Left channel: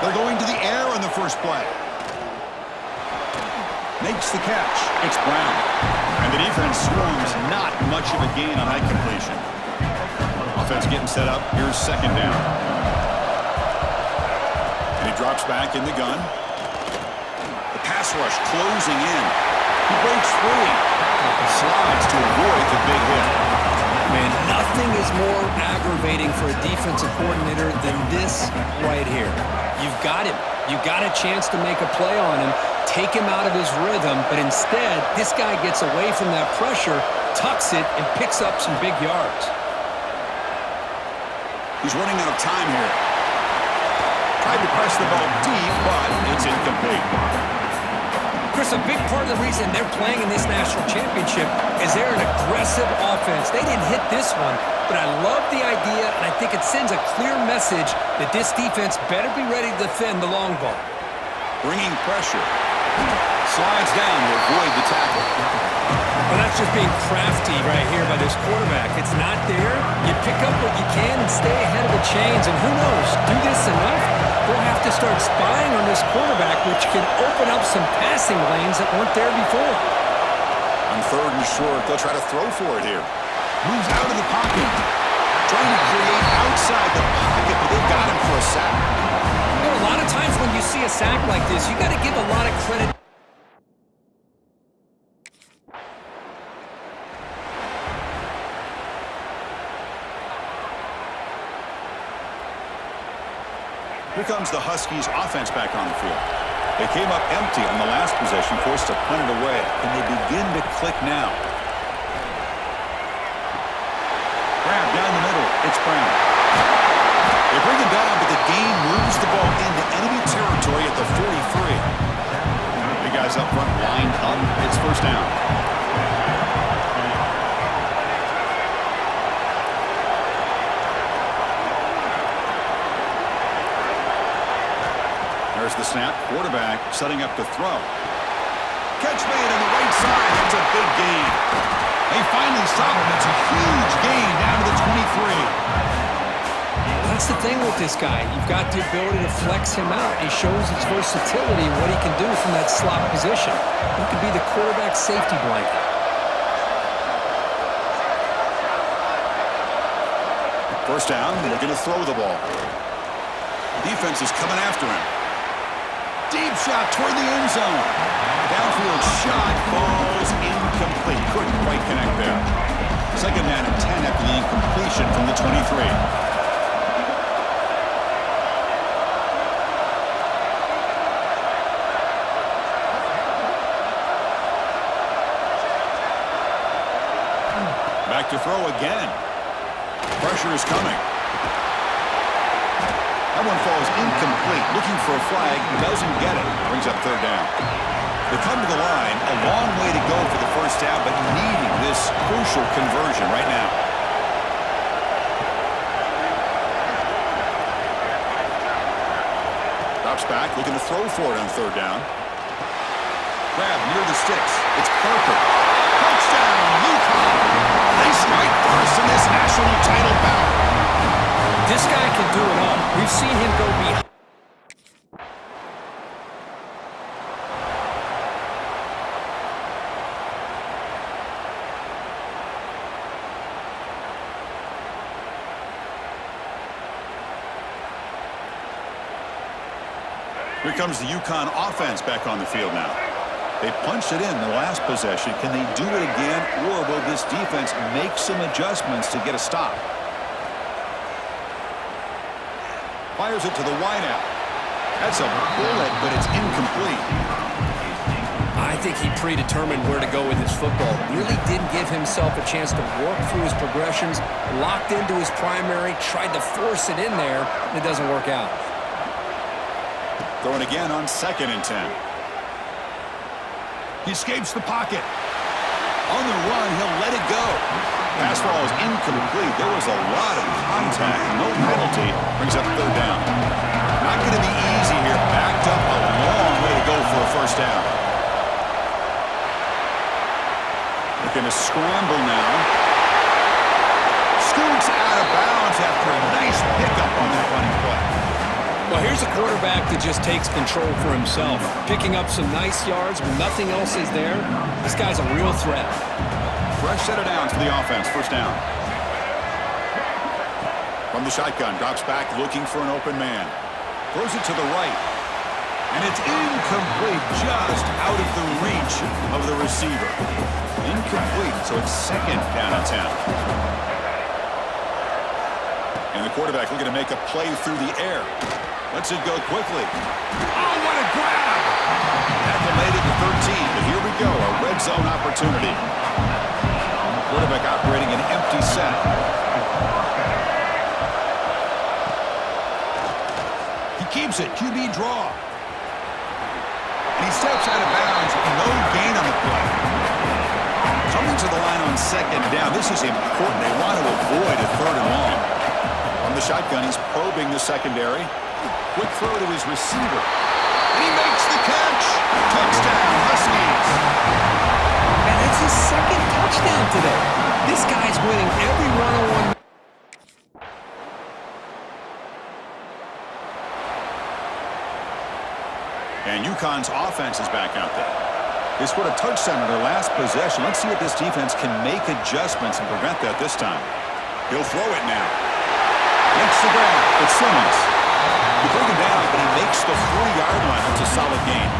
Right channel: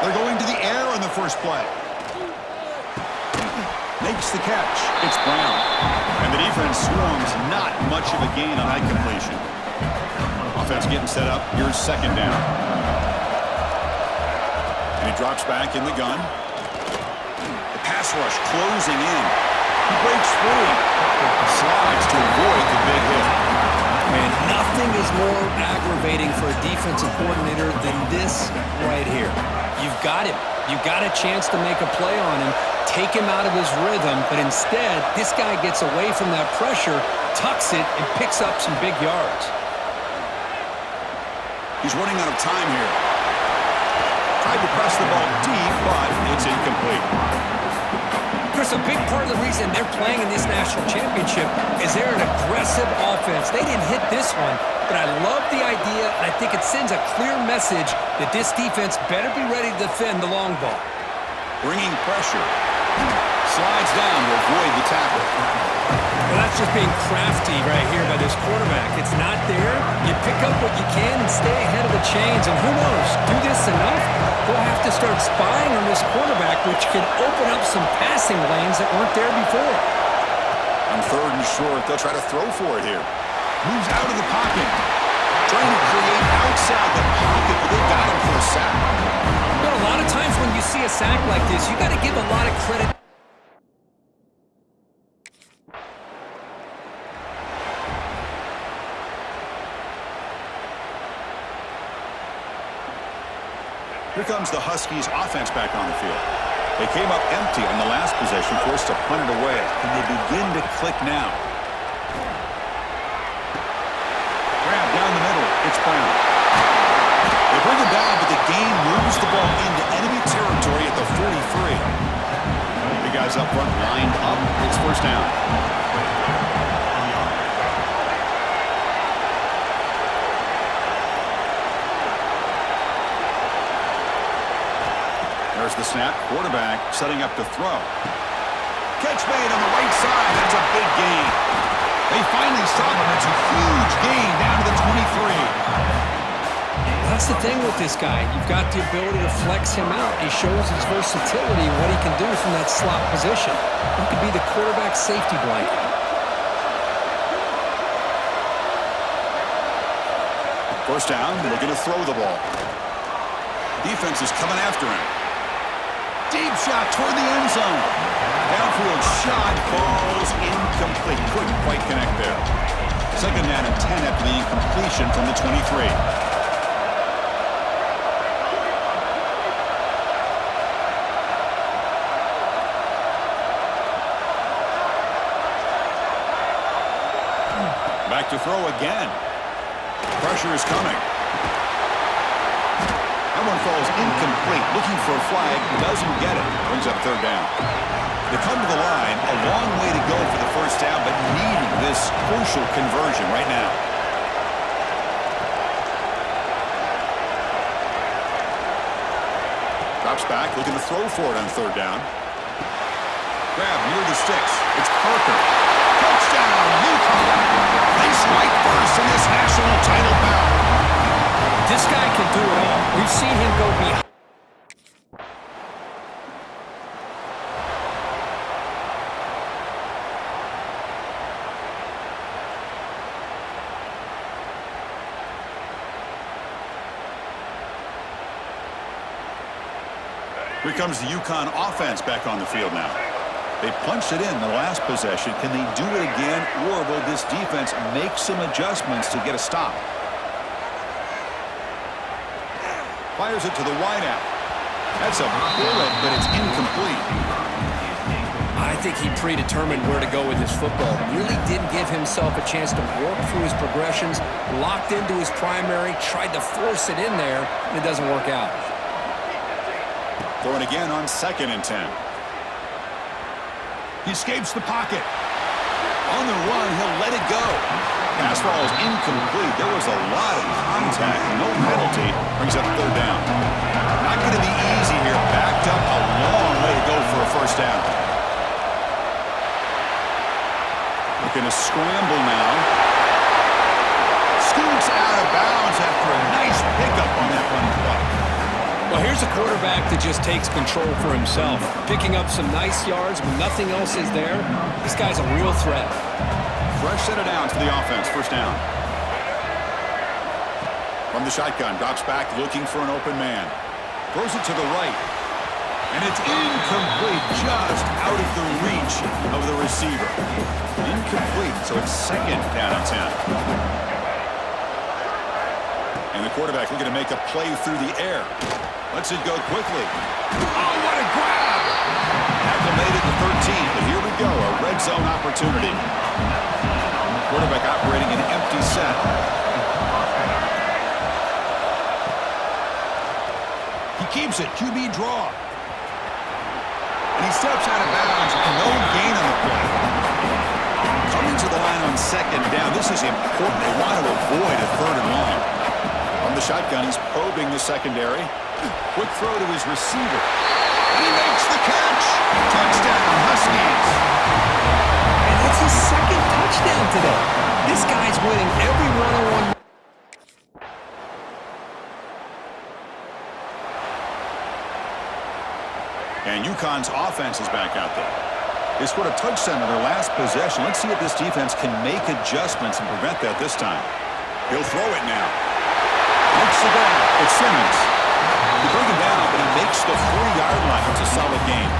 They're going to the air on the first play. Makes the catch. It's Brown. And the defense swarms, not much of a gain on that completion. Offense getting set up. Here's second down. And he drops back in the gun. The pass rush closing in. He breaks free. Slides to avoid the big hit. Man, nothing is more aggravating for a defensive coordinator than this right here. You've got him. You've got a chance to make a play on him, take him out of his rhythm, but instead, this guy gets away from that pressure, tucks it, and picks up some big yards. He's running out of time here. Tried to press the ball deep, but it's incomplete. Chris, a big part of the reason they're playing in this national championship is they're an aggressive offense. They didn't hit this one, but I love the idea, and I think it sends a clear message that this defense better be ready to defend the long ball. Bringing pressure. Slides down to avoid the tackle. Well, that's just being crafty right here by this quarterback. It's not there. You pick up what you can and stay ahead of the chains, and who knows, do this enough, they'll have to start spying on this quarterback, which can open up some passing lanes that weren't there before. On third and short, they'll try to throw for it here. Moves out of the pocket. Trying to create outside the pocket, but they've got him for a sack. You know, a lot of times when you see a sack like this, you got to give a lot of credit. Here comes the Huskies offense back on the field. They came up empty on the last possession, forced to punt it away. Can they begin to click now? Grab down the middle. It's Brown. They bring him down, but the gain moves the ball into enemy territory at the 43. The guys up front lined up. It's first down. There's the snap. Quarterback setting up to throw. Catch made on the right side. That's a big gain. They finally stop him. It's a huge gain down to the 23. That's the thing with this guy. You've got the ability to flex him out. He shows his versatility and what he can do from that slot position. He could be the quarterback's safety blanket. First down, looking to throw the ball. Defense is coming after him. Deep shot toward the end zone. Downfield shot falls incomplete. Couldn't quite connect there. Second down and 10 after the incompletion from the 23. Back to throw again. Pressure is coming. That one falls incomplete. Looking for a flag. Doesn't get it. Brings up third down. They come to the line. A long way to go for the first down, but needing this crucial conversion right now. Drops back. Looking to throw for it on third down. Grab near the sticks. It's Parker. Touchdown, UConn. They strike first in this national title bout. This guy can do it all. We've seen him go behind. Here comes the UConn offense back on the field now. They punched it in the last possession. Can they do it again, or will this defense make some adjustments to get a stop? Fires it to the wideout. That's a bullet, but it's incomplete. I think he predetermined where to go with his football. Really didn't give himself a chance to work through his progressions, locked into his primary, tried to force it in there, and it doesn't work out. Throwing again on second and 10. He escapes the pocket. On the run, he'll let it go. Pass ball is incomplete. There was a lot of contact. No penalty. Brings up third down. Not going to be easy here. Backed up a long way to go for a first down. Looking to scramble now. Scoots out of bounds after a nice pickup on that running play. Well, here's a quarterback that just takes control for himself, picking up some nice yards when nothing else is there. This guy's a real threat. Fresh set of downs for the offense. First down. From the shotgun, drops back looking for an open man. Throws it to the right. And it's incomplete, just out of the reach of the receiver. Incomplete, so it's second down and 10. And the quarterback looking to make a play through the air. Lets it go quickly. Oh, what a grab! Tackle made it to 13, but here we go, a red zone opportunity. Quarterback operating an empty set. He keeps it, QB draw. And he steps out of bounds, no gain on the play. Coming to the line on second down, this is important. They want to avoid a third and long. On the shotgun, he's probing the secondary. Quick throw to his receiver. And he makes the catch. Touchdown, Huskies. And that's his second touchdown today. This guy's winning every one-on-one. And UConn's offense is back out there. They scored a touchdown on their last possession. Let's see if this defense can make adjustments and prevent that this time. He'll throw it now. Makes the grab. It's Simmons. They bring him down, but he makes the 3-yard line. That's a solid gain.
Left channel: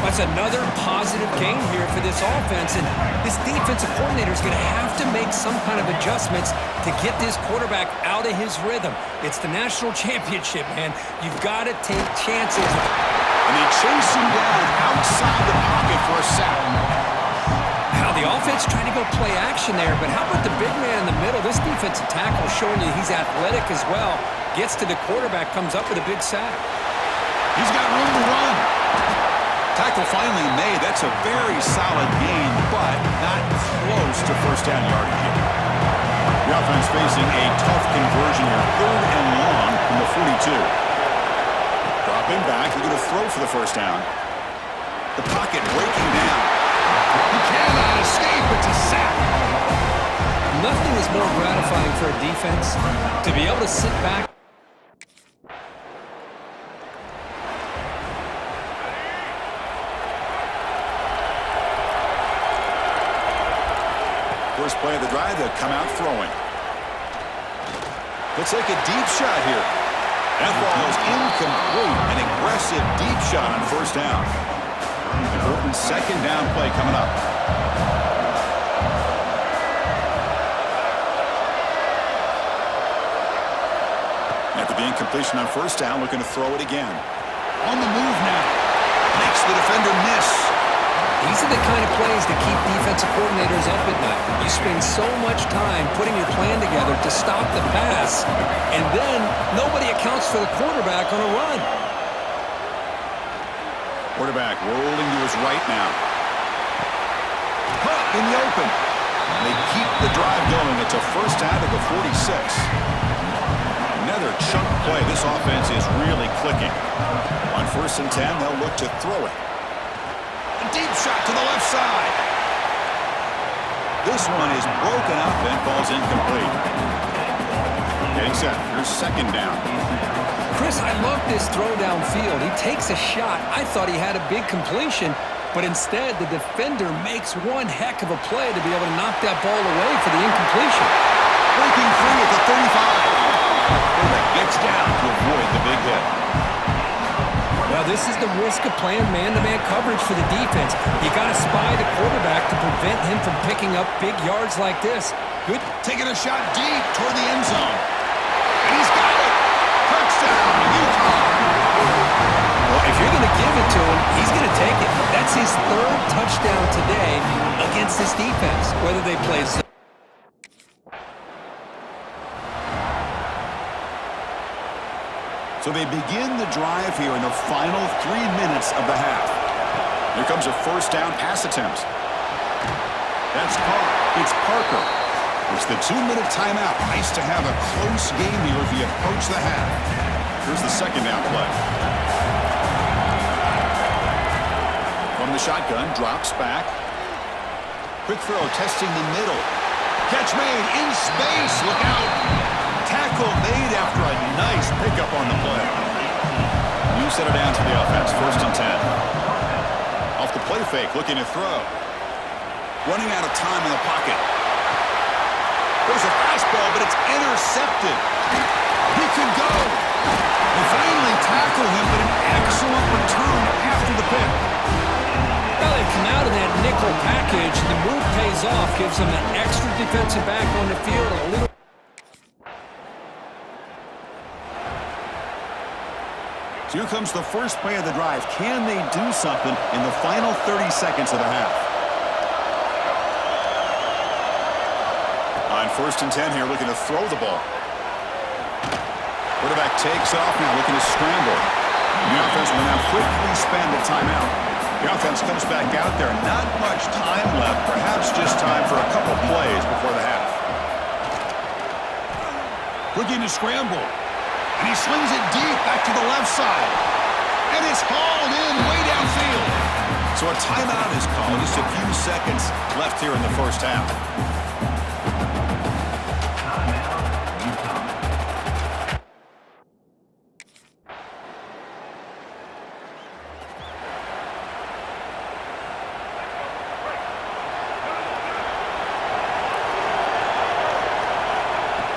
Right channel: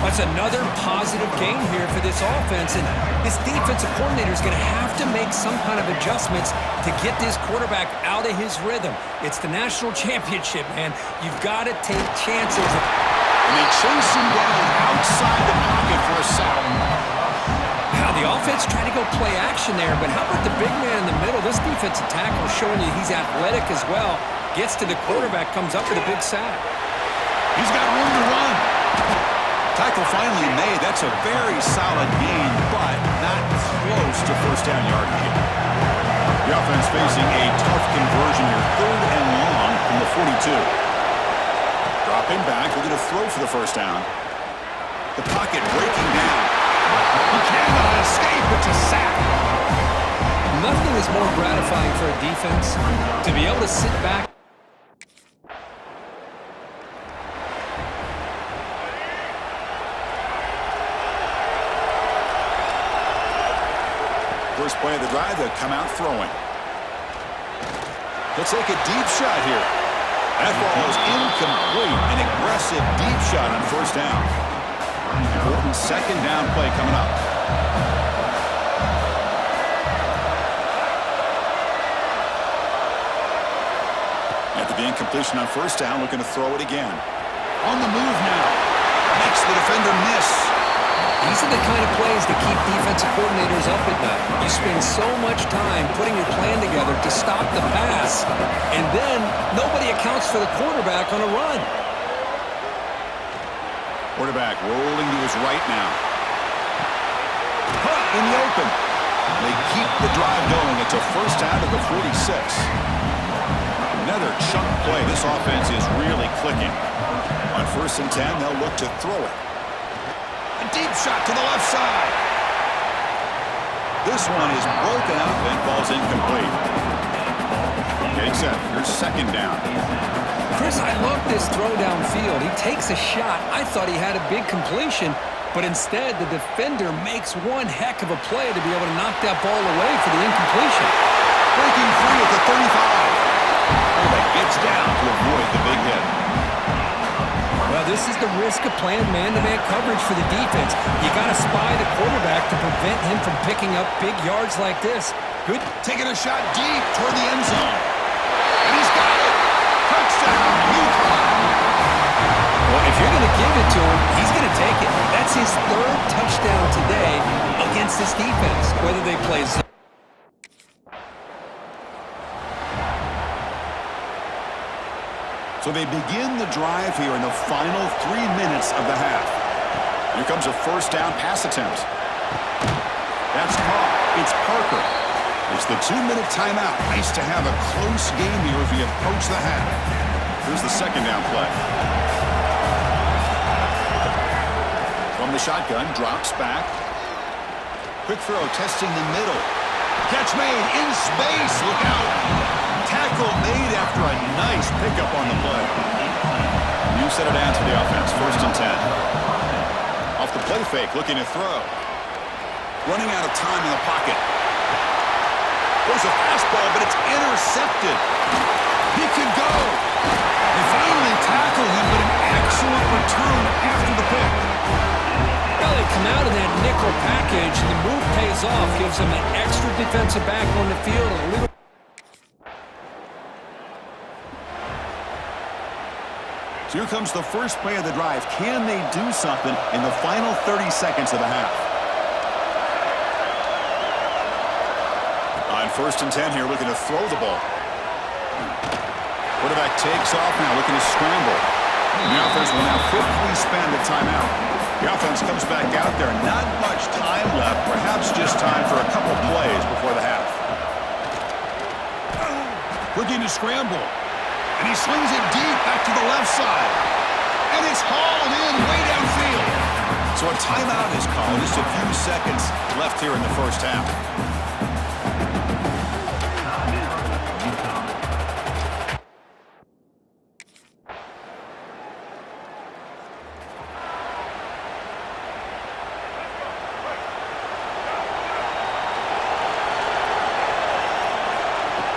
That's another positive gain here for this offense, and this defensive coordinator is going to have to make some kind of adjustments to get this quarterback out of his rhythm. It's the national championship, man. You've got to take chances. And they chase him down outside the pocket for a sack. Now, the offense trying to go play action there, but how about the big man in the middle? This defensive tackle showing you he's athletic as well. Gets to the quarterback, comes up with a big sack. He's got room to run. Tackle finally made. That's a very solid gain, but not close to first down yardage yet. The offense facing a tough conversion here. Third and long from the 42. Dropping back. They're going to throw for the first down. The pocket breaking down. He cannot escape. It's a sack. Nothing is more gratifying for a defense to be able to sit back. First play of the drive, they'll come out throwing. He'll take a deep shot here. That ball is incomplete. An aggressive deep shot on first down. Important second down play coming up. After the incompletion on first down, looking to throw it again. On the move now. Makes the defender miss. These are the kind of plays that keep defensive coordinators up at night. You spend so much time putting your plan together to stop the pass, and then nobody accounts for the quarterback on a run. Quarterback rolling to his right now. In the open. They keep the drive going. It's a first out of the 46. Another chunk play. This offense is really clicking. On first and 10, they'll look to throw it. A deep shot to the left side. This one is broken up and falls incomplete. Getting set. Here's second down. Chris, I love this throw downfield. He takes a shot. I thought he had a big completion, but instead the defender makes one heck of a play to be able to knock that ball away for the incompletion. Breaking free at the 35. Quarterback gets down to avoid the big hit. Well, this is the risk of playing man-to-man coverage for the defense. You got to spy the quarterback to prevent him from picking up big yards like this. Good. Taking a shot deep toward the end zone. And he's got it. Touchdown, UConn. Well, if you're going to give it to him, he's going to take it. That's his third touchdown today against this defense, whether they play zone. So they begin the drive here in the final 3 minutes of the half. Here comes a first down pass attempt. That's caught. It's Parker. It's the 2-minute timeout. Nice to have a close game here as we approach the half. Here's the second down play. From the shotgun, drops back. Quick throw, testing the middle. Catch made in space. Look out. Tackle made after a nice pickup on the play. New set it down to the offense. 1st and 10. Off the play fake, looking to throw. Running out of time in the pocket. There's a fastball, but it's intercepted. He could go. They finally tackle him, but an excellent return after the pick. Well, they come out of that nickel package, and the move pays off, gives them an extra defensive back on the field, a little. Here comes the first play of the drive. Can they do something in the final 30 seconds of the half? On 1st and 10 here, looking to throw the ball. Quarterback takes off now, looking to scramble. The offense will now quickly spend the timeout. The offense comes back out there. Not much time left, perhaps just time for a couple plays before the half. Looking to scramble. And he slings it deep back to the left side. And it's hauled in way downfield. So a timeout is called. Just a few seconds left here in the first half.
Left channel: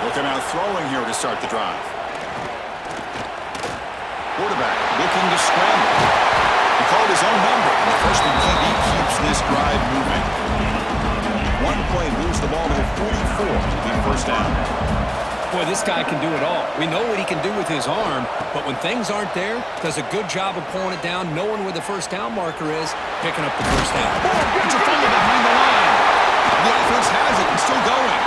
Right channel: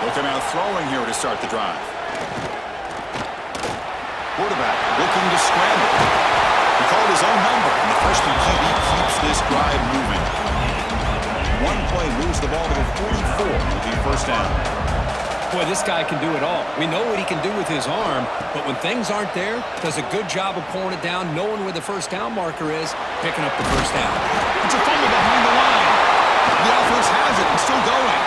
They'll come out throwing here to start the drive. Quarterback looking to scramble. He called his own number, and the freshman QB keeps this drive moving. One play moves the ball to the 44. It'll be 1st down. Boy, this guy can do it all. We know what he can do with his arm, but when things aren't there, does a good job of pulling it down, knowing where the 1st down marker is, picking up the 1st down. It's a fumble behind the line. The offense has it and still going.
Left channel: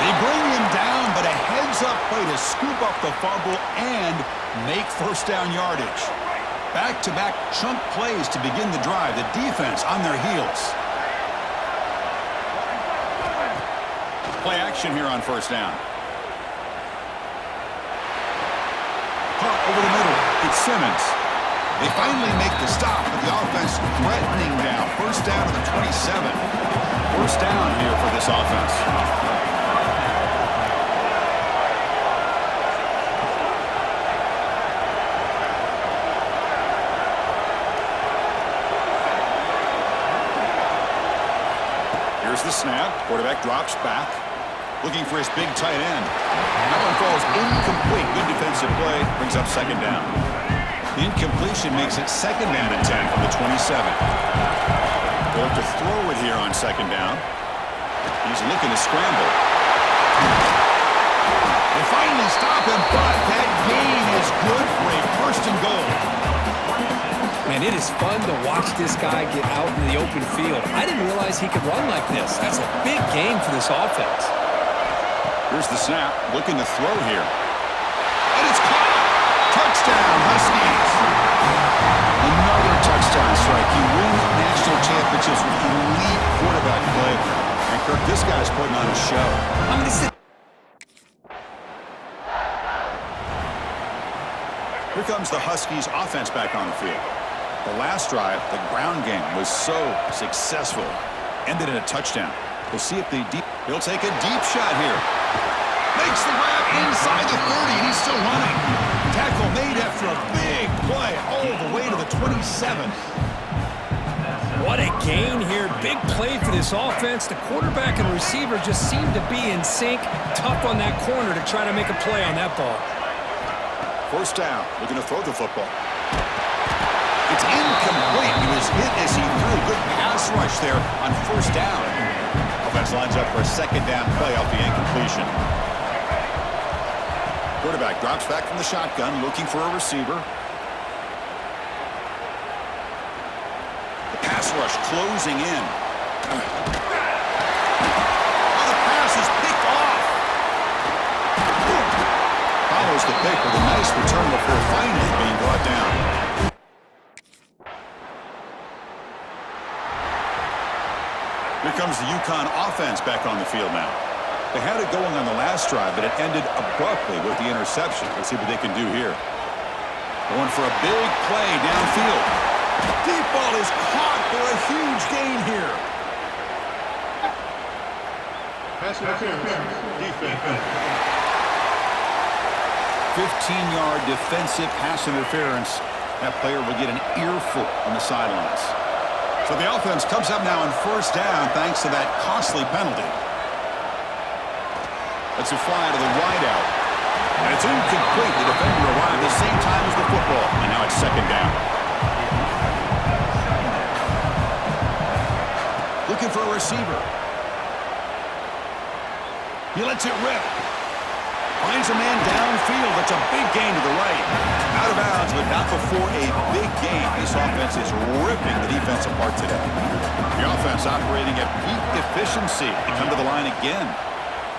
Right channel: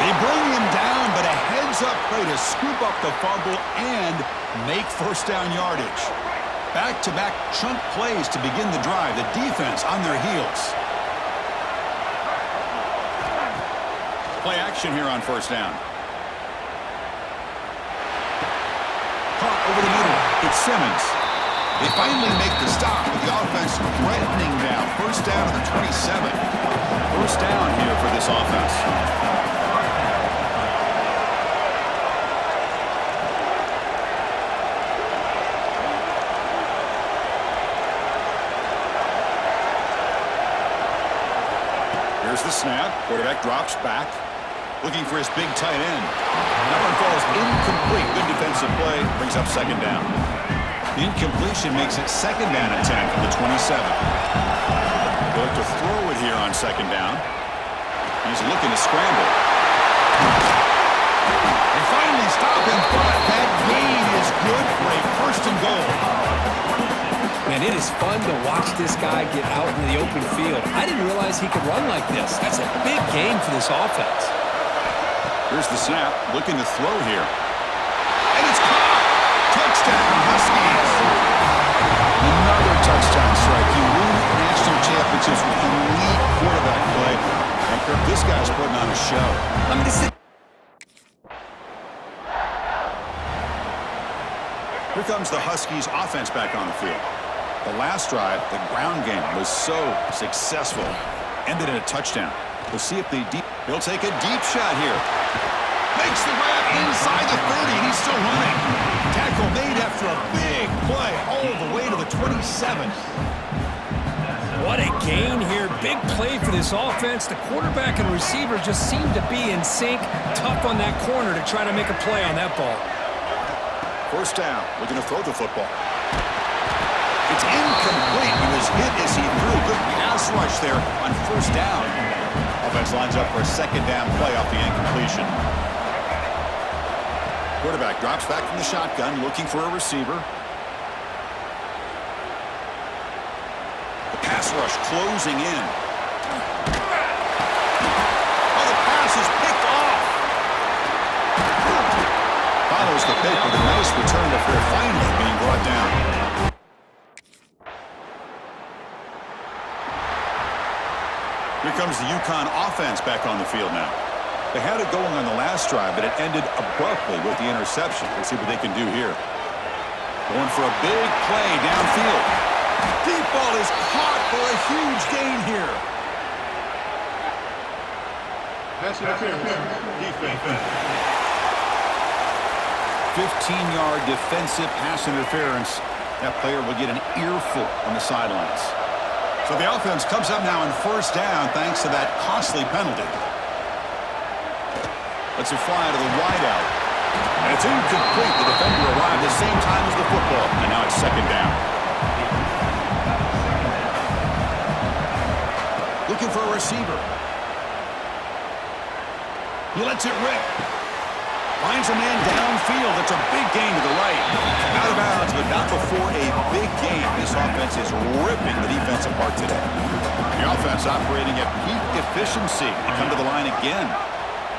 They bring him down, but a heads-up play to scoop up the fumble and make 1st down yardage. Back-to-back chunk plays to begin the drive. The defense on their heels. Play action here on 1st down. Caught over the middle. It's Simmons. They finally make the stop, but the offense threatening now. 1st down to the 27. 1st down here for this offense. Here's the snap. Quarterback drops back. Looking for his big tight end. That one falls incomplete. Good defensive play. Brings up 2nd down. The incompletion makes it 2nd down and 10 from the 27. They'll look to throw it here on 2nd down. He's looking to scramble. They finally stop him, but that gain is good for a 1st and goal. Man, it is fun to watch this guy get out in the open field. I didn't realize he could run like this. That's a big gain for this offense. Here's the snap. Looking to throw here. And it's caught. Touchdown, Huskies. Another touchdown strike. You win national championships with elite quarterback play. And Kirk, this guy's putting on a show. I'm going to sit. Here comes the Huskies offense back on the field. The last drive, the ground game, was so successful. Ended in a touchdown. We'll see if he'll take a deep shot here. Makes the grab inside the 30, and he's still running. Tackle made after a big play all the way to the 27. What a gain here. Big play for this offense. The quarterback and receiver just seem to be in sync. Tough on that corner to try to make a play on that ball. 1st down, looking to throw the football. It's incomplete. He was hit as he threw. Good pass rush there on 1st down. Offense lines up for a 2nd down play off the incompletion. Quarterback drops back from the shotgun, looking for a receiver. The pass rush closing in. Oh, the pass is picked off. Follows the pick with a nice return before finally being brought down. Here comes the UConn offense back on the field now. They had it going on the last drive, but it ended abruptly with the interception. Let's see what they can do here. Going for a big play downfield. Deep ball is caught for a huge gain here. Pass interference. Defense. 15-yard defensive pass interference. That player will get an earful on the sidelines. So the offense comes up now on first down thanks to that costly penalty. Lets it fly to the wideout. And it's incomplete. The defender arrived at the same time as the football. And now it's second down. Looking for a receiver. He lets it rip. Finds a man downfield. That's a big gain to the right. Out of bounds, but not before a big gain. This offense is ripping the defense apart today. The offense operating at peak efficiency. They come to the line again.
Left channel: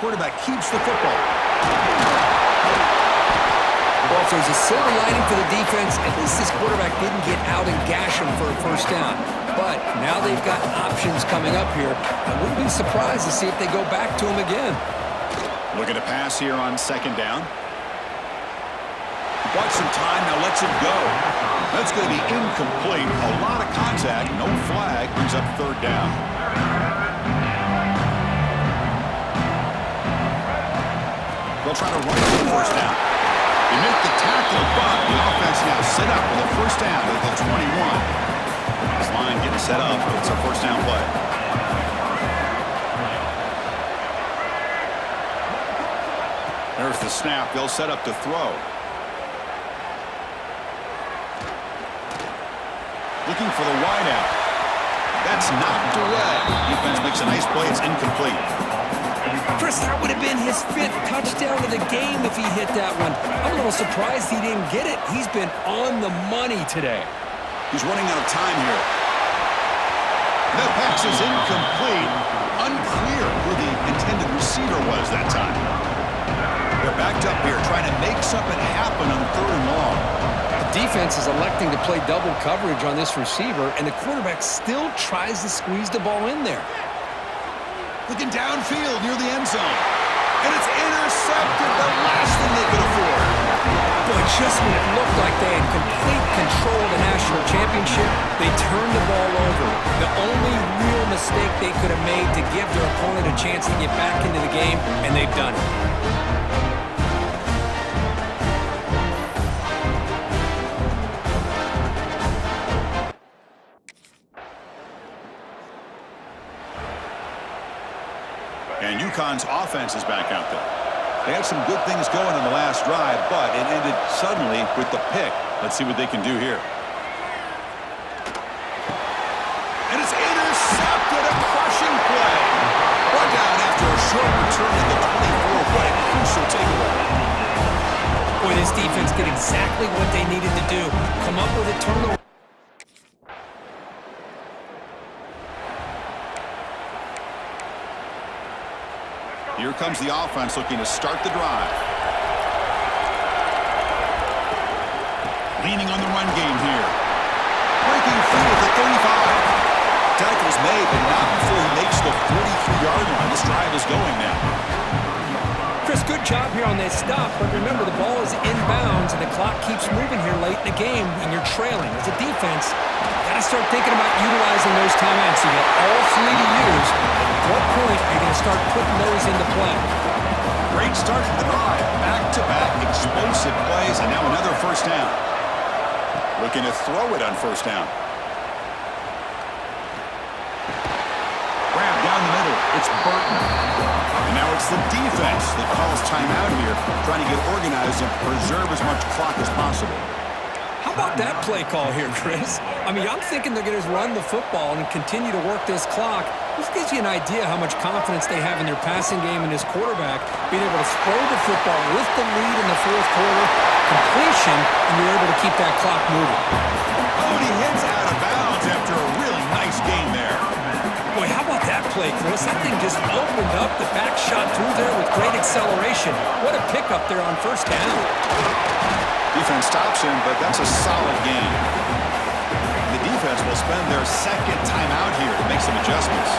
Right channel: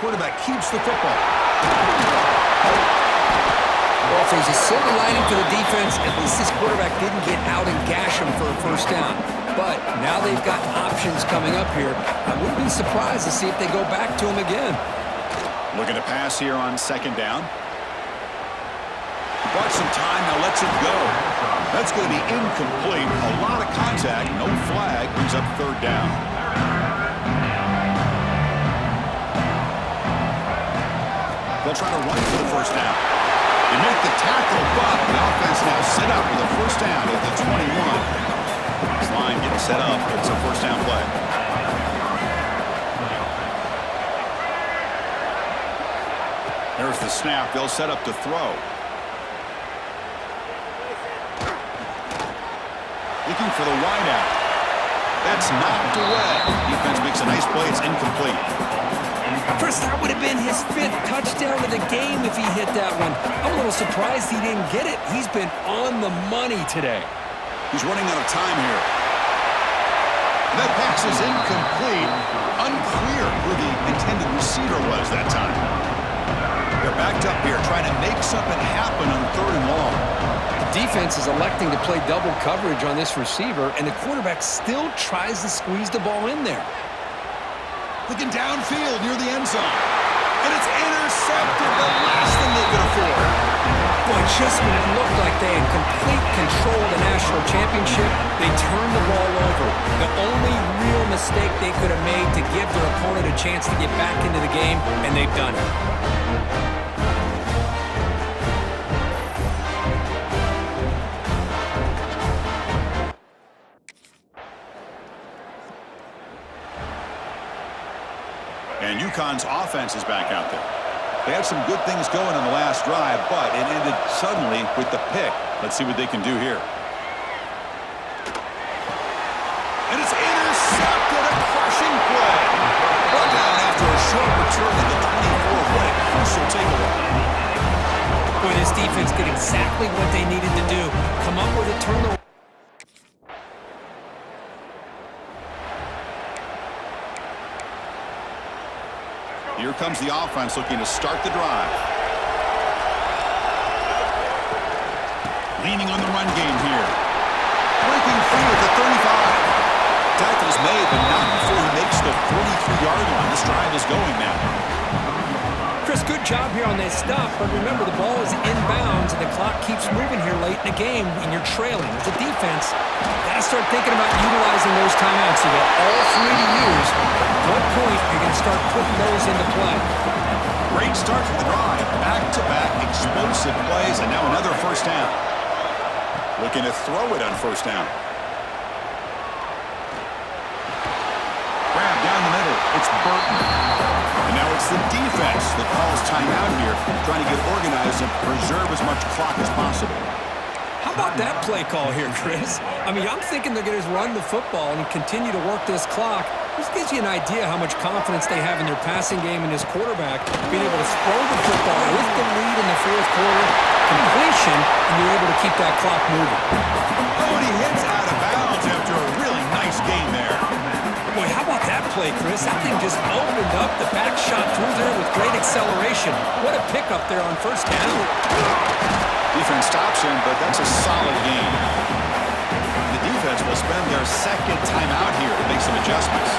Quarterback keeps the football. Well, if there's a silver lining for the defense, at least this quarterback didn't get out and gash him for a first down. But now they've got options coming up here. I wouldn't be surprised to see if they go back to him again. Looking to pass here on second down. He bought some time, now lets it go. That's going to be incomplete. A lot of contact, no flag, brings up third down. They'll try to run for the first down. They make the tackle, but the offense now set up with a first down at the 21. This line getting set up. It's a first down play. There's the snap. They'll set up to throw. Looking for the wideout. That's knocked away. Defense makes a nice play. It's incomplete. Chris, that would have been his 5th touchdown of the game if he hit that one. I'm a little surprised he didn't get it. He's been on the money today. He's running out of time here. That pass is incomplete. Unclear who the intended receiver was that time. They're backed up here trying to make something happen on third and long. The defense is electing to play double coverage on this receiver, and the quarterback still tries to squeeze the ball in there. Looking downfield near the end zone. And it's intercepted, the last thing they could afford. Boy, just when it looked like they had complete control of the national championship, they turned the ball over. The only real mistake they could have made to give their opponent a chance to get back into the game, and they've done it. And UConn's offense is back out there. They had some good things going in the last drive, but it ended suddenly with the pick. Let's see what they can do here. And it's intercepted, a crushing play. Brought down after a short return at the 24. What a crucial takeaway. Boy, this defense did exactly what they needed to do. Come up with a turnover. Here comes the offense looking to start the drive. Leaning on the run game here. Breaking free at the 35. Tackle's made, but not before he makes the 43-yard line. This drive is going now. Chris, good job here on that stop, but remember, the ball is inbounds, and the clock keeps moving here late in the game, and you're trailing. As a defense, you got to start thinking about utilizing those timeouts. You got all 3 to use. At what point are you going to start putting those into play? Great start to the drive. Back-to-back explosive plays, and now another first down. Looking to throw it on first down. Grab down the middle. It's Burton. And now it's the defense that calls timeout here, trying to get organized and preserve as much clock as possible. How about that play call here, Chris? I mean, I'm thinking they're going to run the football and continue to work this clock. This gives you an idea how much confidence they have in their passing game and his quarterback, being able to throw the football with the lead in the 4th quarter, completion, and you're able to keep that clock moving. Oh, and he hits out of bounds after a really nice game there. Boy, how about that play, Chris? That thing just opened up, the back shot through there with great acceleration. What a pickup there on first down. Defense stops him, but that's a solid game. The defense will spend their 2nd timeout here to make some adjustments.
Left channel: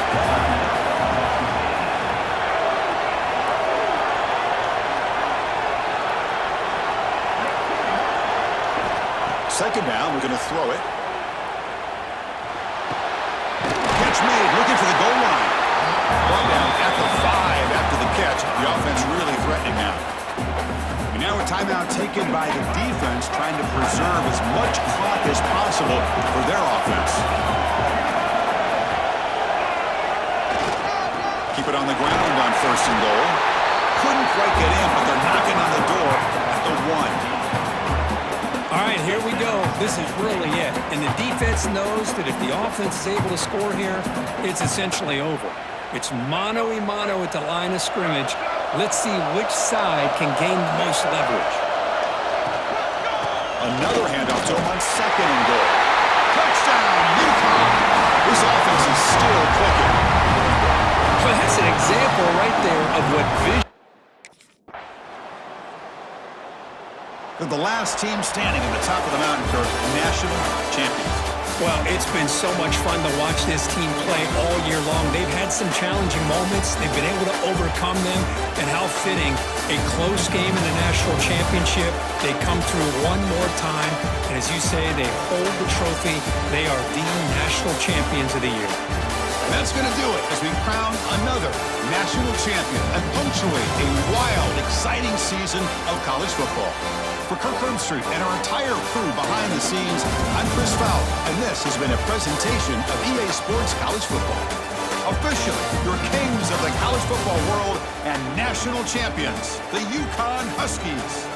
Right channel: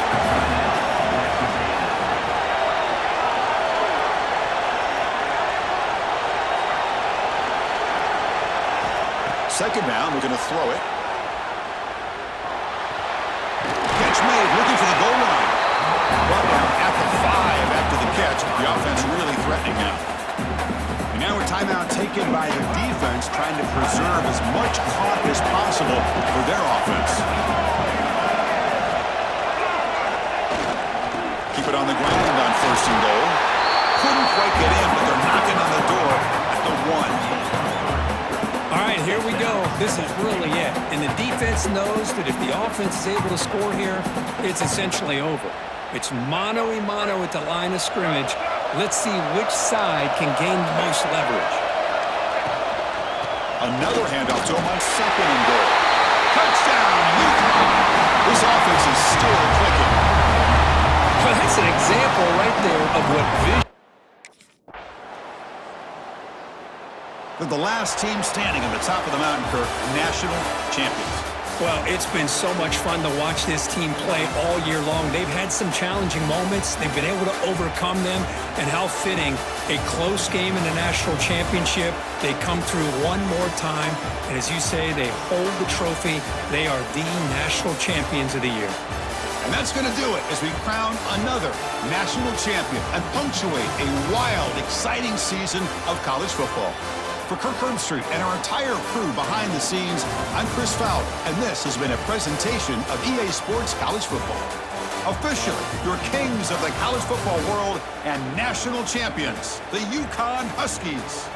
Second down, looking to throw it. Catch made, looking for the goal line. Brought down at the 5 after the catch. The offense really threatening now. And now a timeout taken by the defense, trying to preserve as much clock as possible for their offense. Keep it on the ground on 1st and goal. Couldn't quite get in, but they're knocking on the door at the 1. All right, here we go. This is really it. And the defense knows that if the offense is able to score here, it's essentially over. It's mano-a-mano at the line of scrimmage. Let's see which side can gain the most leverage. Another handoff to him on 2nd and goal. Touchdown, UConn! This offense is still clicking. Well, that's an example right there of what vision. They're the last team standing at the top of the mountain, Kirk, national champions. Well, it's been so much fun to watch this team play all year long. They've had some challenging moments. They've been able to overcome them. And how fitting, a close game in the national championship. They come through one more time. And as you say, they hold the trophy. They are the national champions of the year. And that's going to do it as we crown another national champion and punctuate a wild, exciting season of college football. For Kirk Herbstreit and our entire crew behind the scenes, I'm Chris Fowler, and this has been a presentation of EA Sports College Football. Officially, your kings of the college football world and national champions, the UConn Huskies.